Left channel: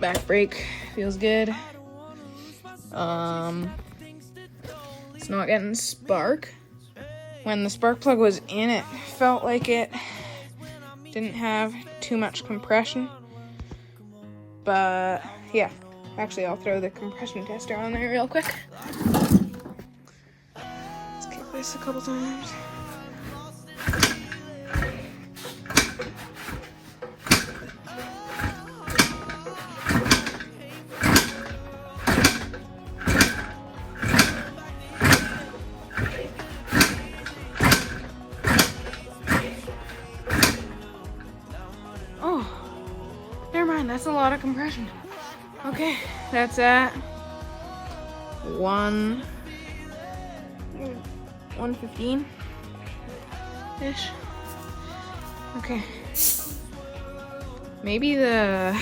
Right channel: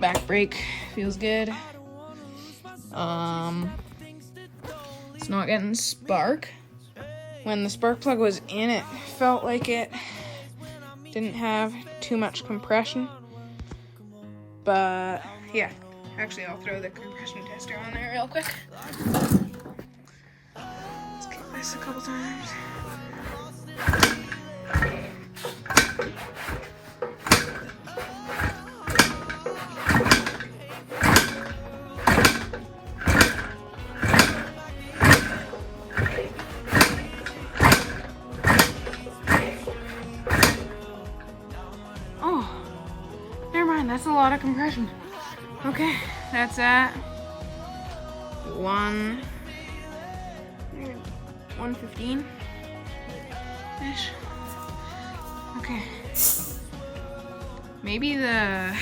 back brake feels good. It's not getting spark. When the spark plug was in, it felt like it didn't have too much compression. But yeah, actually I'll throw the compression tester on there real quick. Let's kick this a couple times. Oh, never mind, that's a lot of compression. Okay, that's at 115-ish. Okay. Maybe the